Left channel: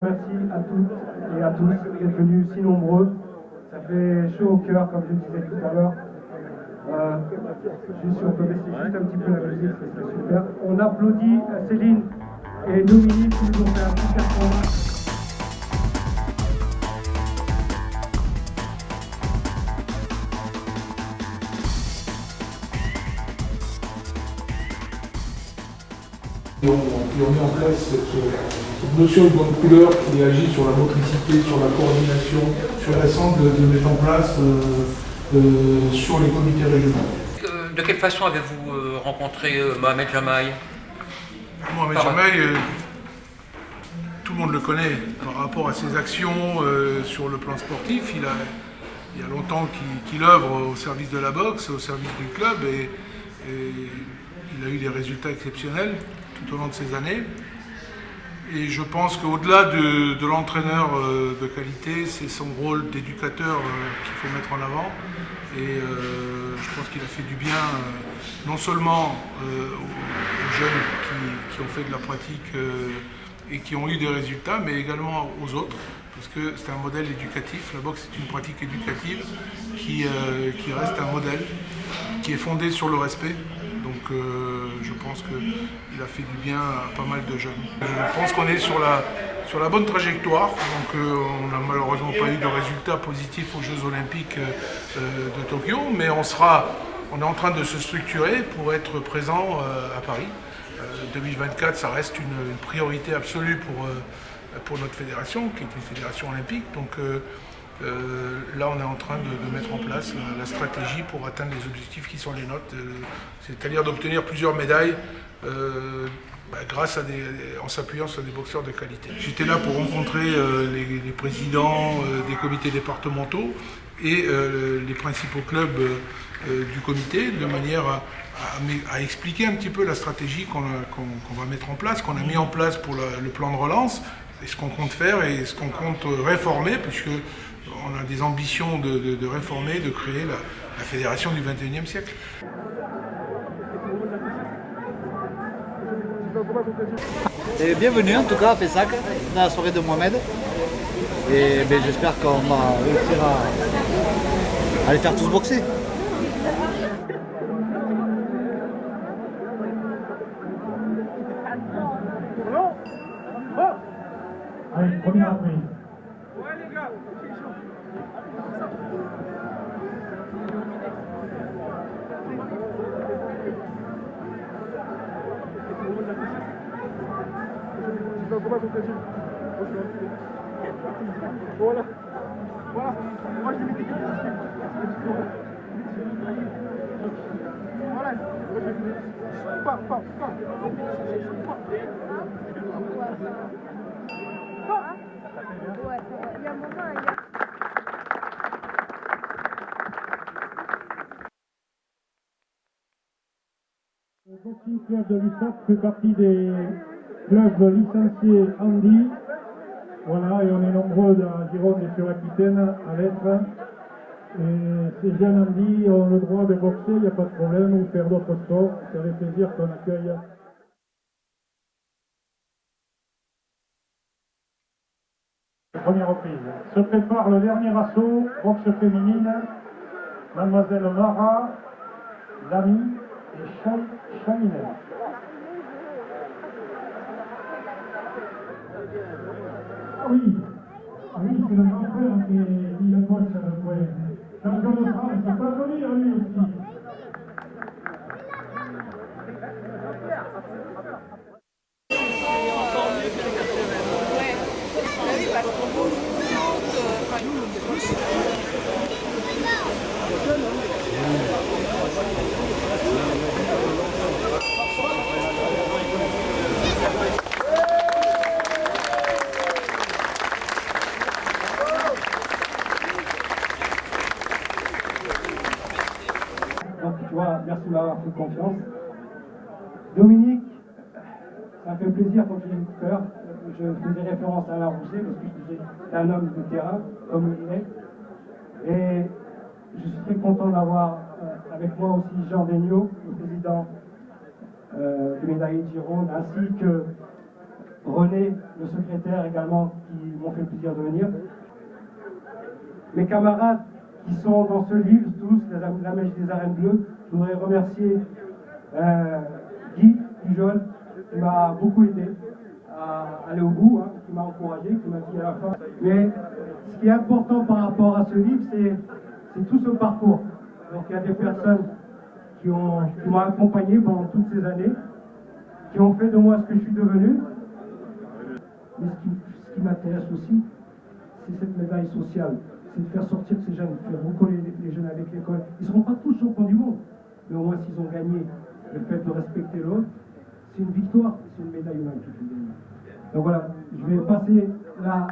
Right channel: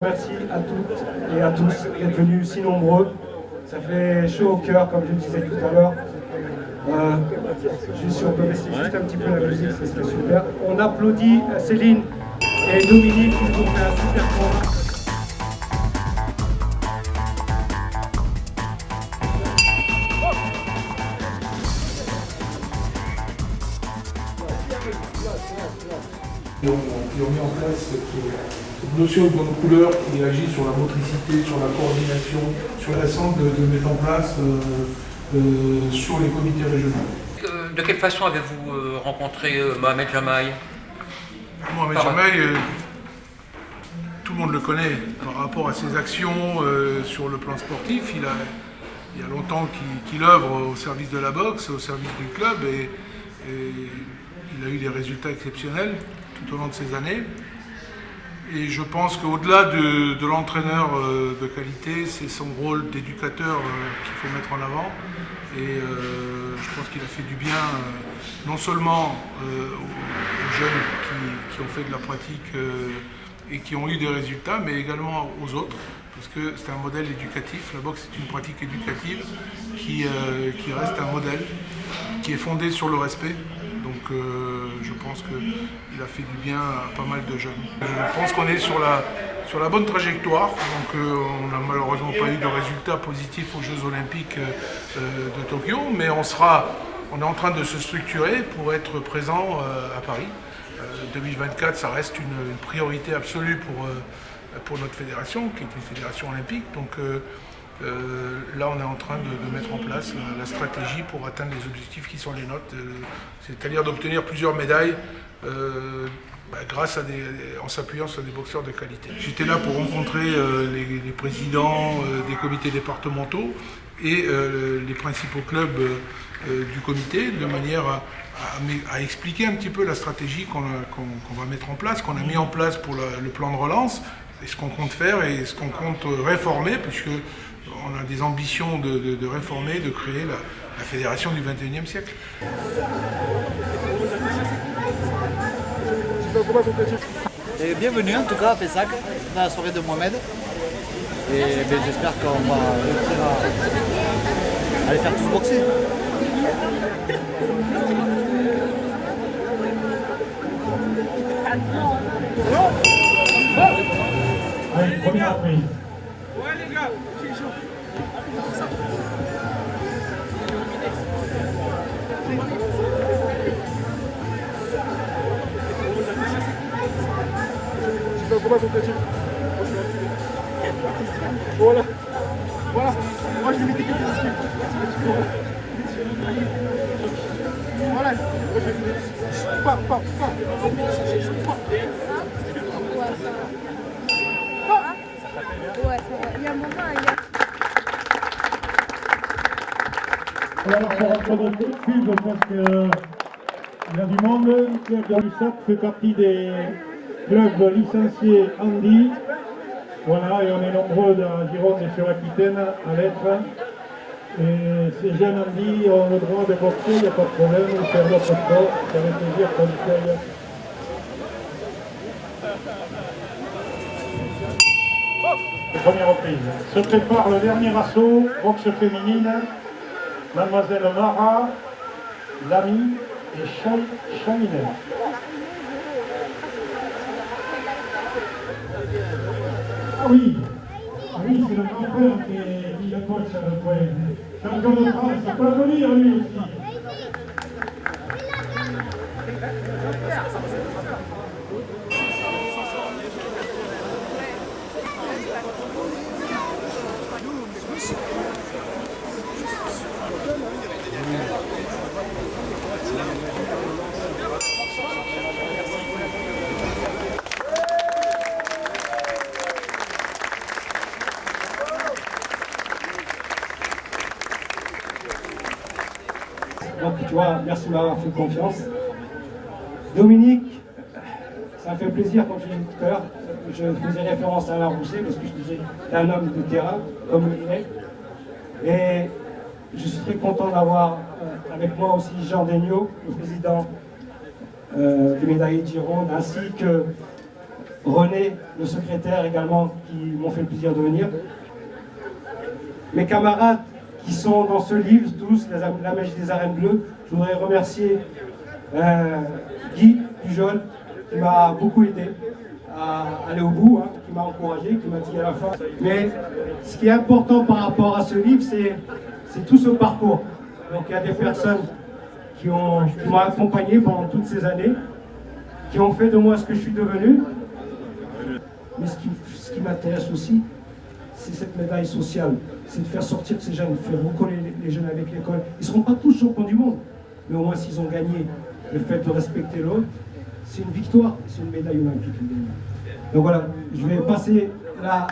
Merci à toutes et à tous d'être venus si nombreux. Ça fait chaud au cœur, comme je le disais tout à l'heure. Juste si on peut baisser juste un petit peu la musique, ce serait super. On applaudit Céline et Dominique qui nous fait un super point. Et on met en place cette notion de bonne couleur qui agit sur la motricité, sur la coordination, sur l'ensemble de mettre en place sur les comités régionaux. De quelle façon avez-vous rencontré Mohamed Jamaï? Mohamed Jamaï, tout le monde le connaît par rapport à ses actions sur le plan sportif. Il y a longtemps qu'il œuvre au service de la boxe, au service du club et il a eu des résultats exceptionnels tout au long de ces années. Et je pense qu'au-delà de l'entraîneur de qualité, c'est son rôle d'éducateur qu'il faut mettre en avant. Et je pense qu'il a fait du bien non seulement aux jeunes qui ont fait de la pratique et qui ont eu des résultats, mais également aux autres, parce que c'est un modèle éducatif. La boxe est une pratique éducative qui reste un modèle, qui est fondé sur le respect. Donc je pense qu'il a fait du bien à pas mal de jeunes. Je pense qu'on est sur la bonne trajectoire. Donc on n'a malheureusement pas eu de résultats positifs aux Jeux Olympiques de Tokyo, mais on est en train de se structurer pour être présent à Paris. 2024, ça reste une priorité absolue pour notre fédération, qui est une fédération olympique. Donc là, on est en train de mettre en place la stratégie pour atteindre les objectifs qui sont les nôtres, c'est-à-dire d'obtenir plusieurs médailles en s'appuyant sur des boxeurs de qualité. J'étais là pour rencontrer les présidents des comités départementaux et les principaux clubs du comité, de manière à expliquer un petit peu la stratégie qu'on va mettre en place, qu'on a mis en place pour le plan de relance, et ce qu'on compte faire et ce qu'on compte réformer, puisque on a des ambitions de réformer, de créer la fédération du XXIe siècle. Et bienvenue en tout cas à Pessac, dans la soirée de Mohamed. Et j'espère qu'on va réussir à les faire tous boxer. Allez, première reprise. Voilà. Voilà. Moi je vais mettre voilà. Pas. Ouais, il y a un moment, Alors pour rentrer de pub, parce qu'il y a du monde, Club de l'USAP fait partie des clubs licenciés Andy. Voilà, et on est nombreux dans la Gironde et sur l'Aquitaine à l'être. Et ces jeunes Andy ont le droit de boxer, il n'y a pas de problème, ils font d'autres sports, c'est avec plaisir qu'on y accueille. Première reprise. Se prépare le dernier assaut, boxe féminine. Mademoiselle Mara, Lamy et Chaminer. Ah oui, c'est le grand frère qui le coach à le point. Champion de France, il peut venir lui aussi. Donc tu vois, merci de m'avoir fait confiance. Dominique, ça me fait plaisir, comme je l'ai dit tout à l'heure, je faisais référence à Alain Rousset parce que je disais c'est un homme de terrain, comme il est. Et je suis très content d'avoir avec moi aussi Jean Degnaud, le président des médaillés de Gironde, ainsi que René, le secrétaire également, qui m'ont fait le plaisir de venir. Mes camarades qui sont dans ce livre, tous, La magie des arènes bleues. Je voudrais remercier Guy Pujol, qui m'a beaucoup aidé à aller au bout, hein, qui m'a encouragé, qui m'a dit à la fin. Mais ce qui est important par rapport à ce livre, c'est tout ce parcours. Donc il y a des personnes qui m'ont accompagné pendant toutes ces années, qui ont fait de moi ce que je suis devenu. Mais ce qui m'intéresse aussi, c'est cette médaille sociale. C'est de faire sortir ces jeunes, de faire recoller les jeunes avec l'école. Ils ne seront pas tous champions du monde, mais au moins s'ils ont gagné le fait de respecter l'autre, c'est une victoire, c'est une médaille olympique. Donc voilà, je vais passer la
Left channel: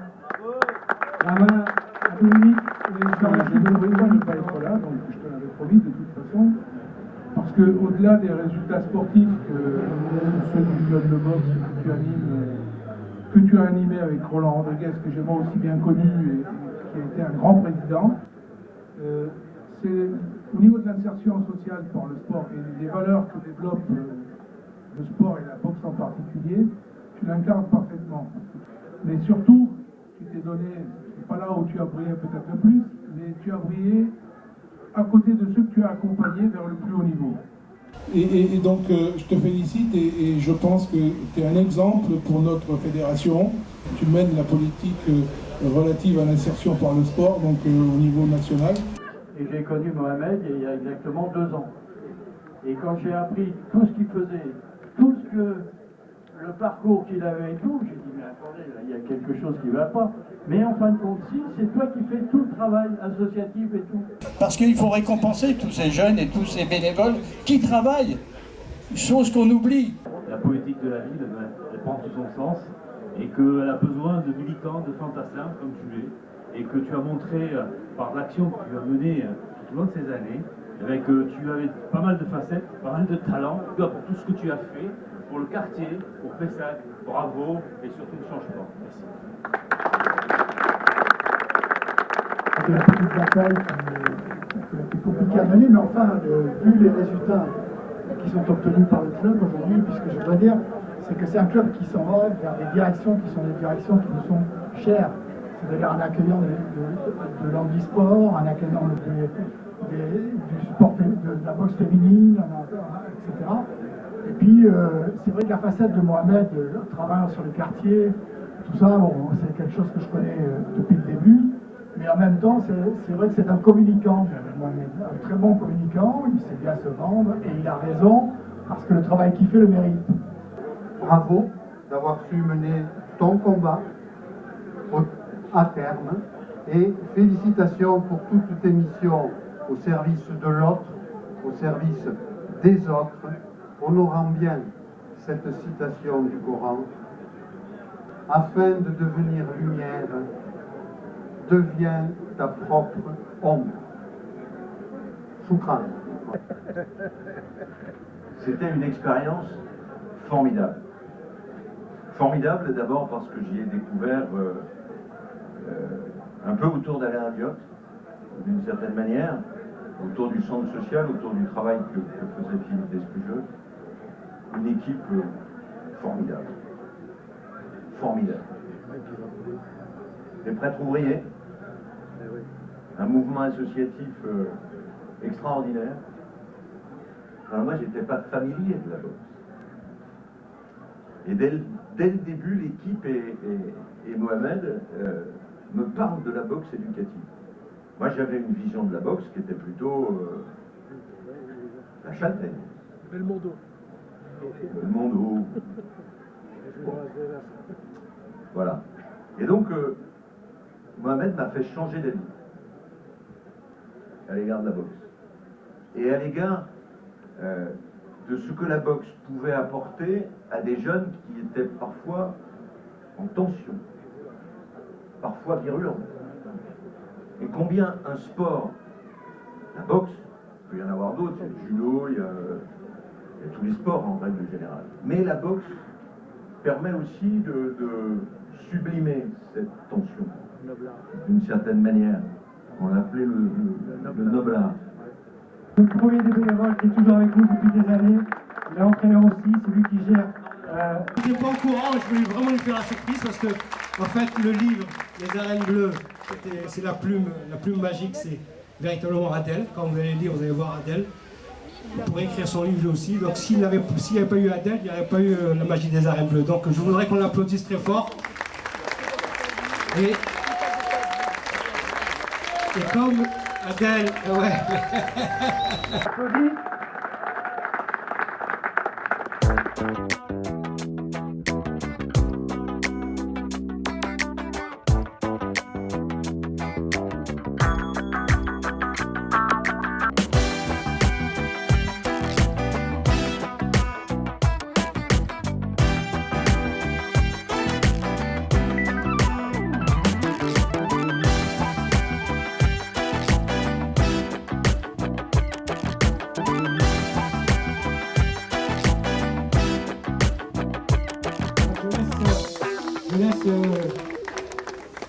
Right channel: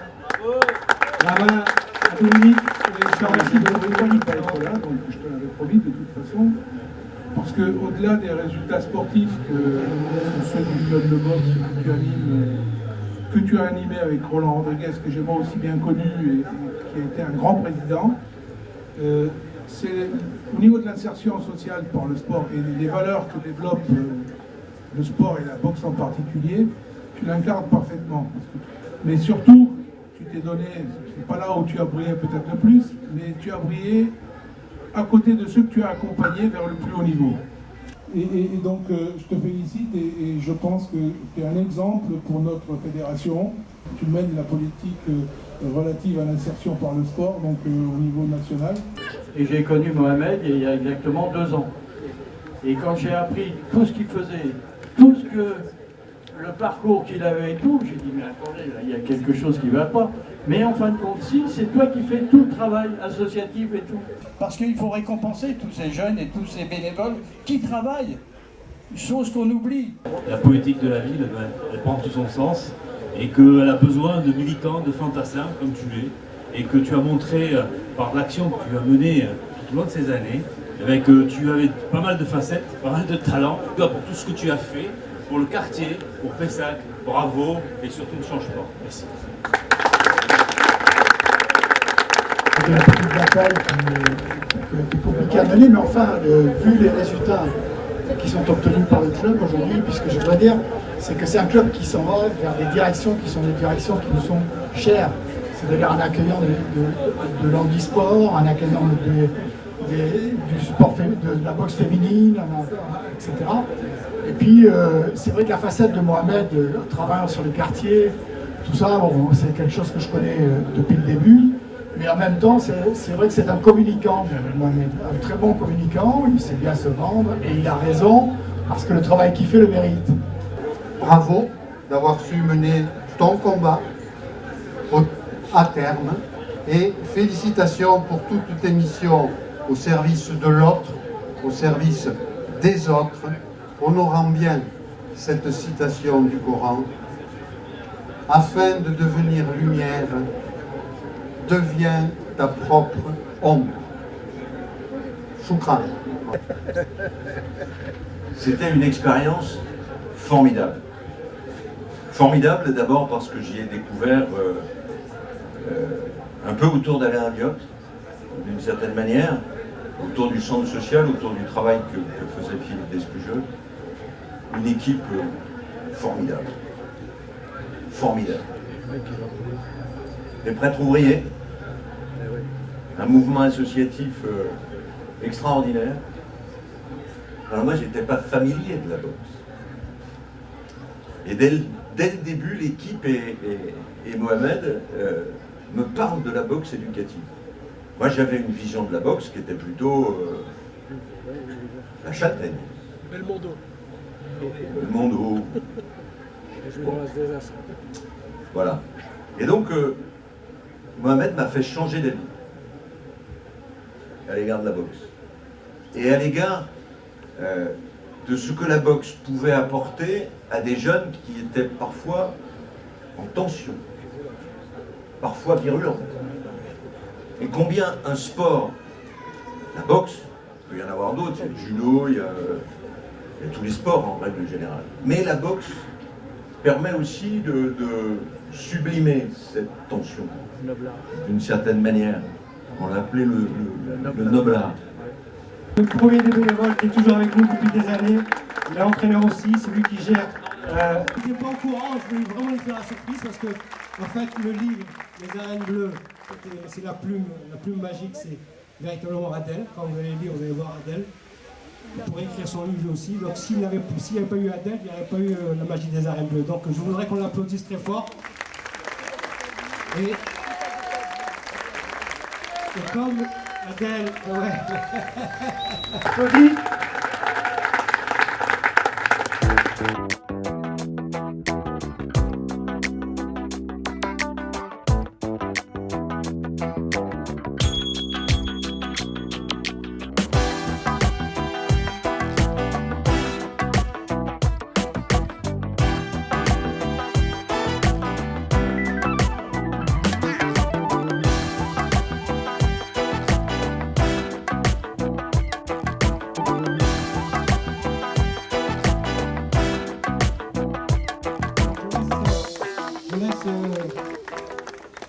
main à Dominique, et je te remercie de Dominique. Voilà, donc je te l'avais promis de toute façon, parce qu'au-delà des résultats sportifs que ceux du club de boxe que tu as animé avec Roland Rodriguez, que j'ai moi aussi bien connu et qui a été un grand président, c'est au niveau de l'insertion sociale par le sport et les valeurs que développe le sport et la boxe en particulier, tu l'incarnes parfaitement. Mais surtout, tu t'es donné, c'est pas là où tu as brillé peut-être le plus, mais tu as brillé à côté de ceux que tu as accompagnés vers le plus haut niveau. Et donc, je te félicite et je pense que tu es un exemple pour notre fédération. Tu mènes la politique relative à l'insertion par le sport, donc au niveau national. Et j'ai connu Mohamed il y a exactement 2 ans. Et quand j'ai appris tout ce qu'il faisait, tout ce que le parcours qu'il avait et tout, j'ai dit mais attendez, là, il y a quelque chose qui ne va pas. Mais en fin de compte, si, c'est toi qui fais tout le travail associatif et tout. Parce qu'il faut récompenser tous ces jeunes et tous ces bénévoles qui travaillent, chose qu'on oublie. La politique de la ville, elle prend tout son sens et qu'elle a besoin de militants, de fantassins comme tu es, et que tu as montré par l'action que tu as menée tout au long de ces années, avec tu avais pas mal de facettes, pas mal de talent, pour tout ce que tu as fait pour le quartier, pour Pessac. Bravo et surtout ne change pas. Merci. C'était la petite bataille qui était compliquée à mener, mais enfin, vu les résultats qui sont obtenus par le club aujourd'hui, puisque je dois dire, c'est que c'est un club qui s'en va vers des directions qui sont des directions qui nous sont chères. C'est-à-dire un accueillant de l'handisport, un accueillant du sport, de la boxe féminine, etc. Et puis, c'est vrai que la facette de Mohamed, travaillant sur le quartier, tout ça, bon, c'est quelque chose que je connais depuis le début. Mais en même temps, c'est vrai que c'est un communicant, Mohamed, un très bon communicant, il sait bien se vendre, et il a raison, parce que le travail qu'il fait le mérite. Bravo d'avoir su mener ton combat à terme, et félicitations pour toute tes missions au service de l'autre, au service des autres, honorant bien cette citation du Coran, afin de devenir lumière, deviens ta propre ombre. Choukran. C'était une expérience formidable. Formidable d'abord parce que j'y ai découvert un peu autour d'Alain Aliotte, d'une certaine manière, autour du centre social, autour du travail que faisait Philippe Despujol. Une équipe formidable. Formidable. Des prêtres ouvriers, un mouvement associatif extraordinaire. Alors moi, j'étais pas familier de la boxe. Et dès le début, l'équipe et Mohamed me parlent de la boxe éducative. Moi, j'avais une vision de la boxe qui était plutôt la châtaigne. Belmondo. Belmondo. Bon. Voilà. Et donc, Mohamed m'a fait changer d'avis à l'égard de la boxe. Et à l'égard de ce que la boxe pouvait apporter à des jeunes qui étaient parfois en tension, parfois virulents. Et combien un sport, la boxe, il peut y en avoir d'autres, il y a le judo, il y a tous les sports en règle générale. Mais la boxe permet aussi de sublimer cette tension, d'une certaine manière. On l'appelait le noble art. Le premier des bénévoles qui est toujours avec nous depuis des années, il est entraîneur aussi, c'est lui qui gère Il n'était pas au courant, je voulais vraiment lui faire la surprise parce que, en fait, le livre Les Arènes Bleues, c'est la plume magique, c'est véritablement Adèle. Quand vous allez le lire, vous allez voir Adèle. Il pourrait écrire son livre lui aussi. Donc s'il n'y avait pas eu Adèle, il n'y aurait pas eu la magie des Arènes Bleues. Donc je voudrais qu'on l'applaudisse très fort. Et comme Adèle, ouais. Applaudis.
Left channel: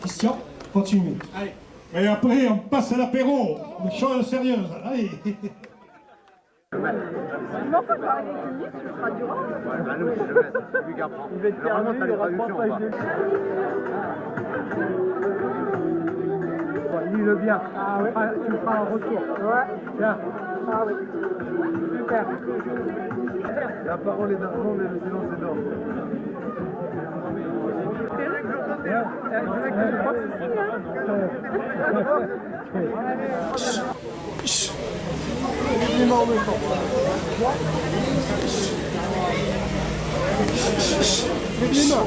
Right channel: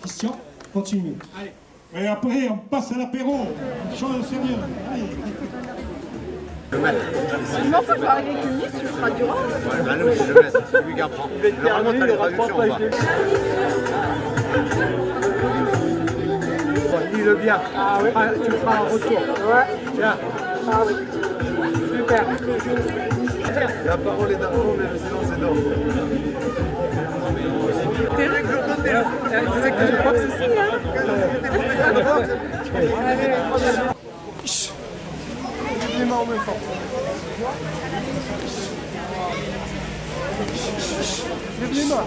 Christian, continue. Allez. Et après, on passe à l'apéro. Une chose sérieuse. Allez. Je m'en fous, je vais arriver avec une liste, tu feras du rang. Bah nous, c'est le maître, c'est lui qui apprend. Normalement, t'as les traductions ou pas? Lis-le bien. Ah ouais. Tu le feras en retour. Ouais. Tiens. Ah oui. Super. La parole est d'argent, mais le silence est d'or. C'est vrai que je connais. C'est ça que je boxe aussi. Les mains en même temps. Lève les mains.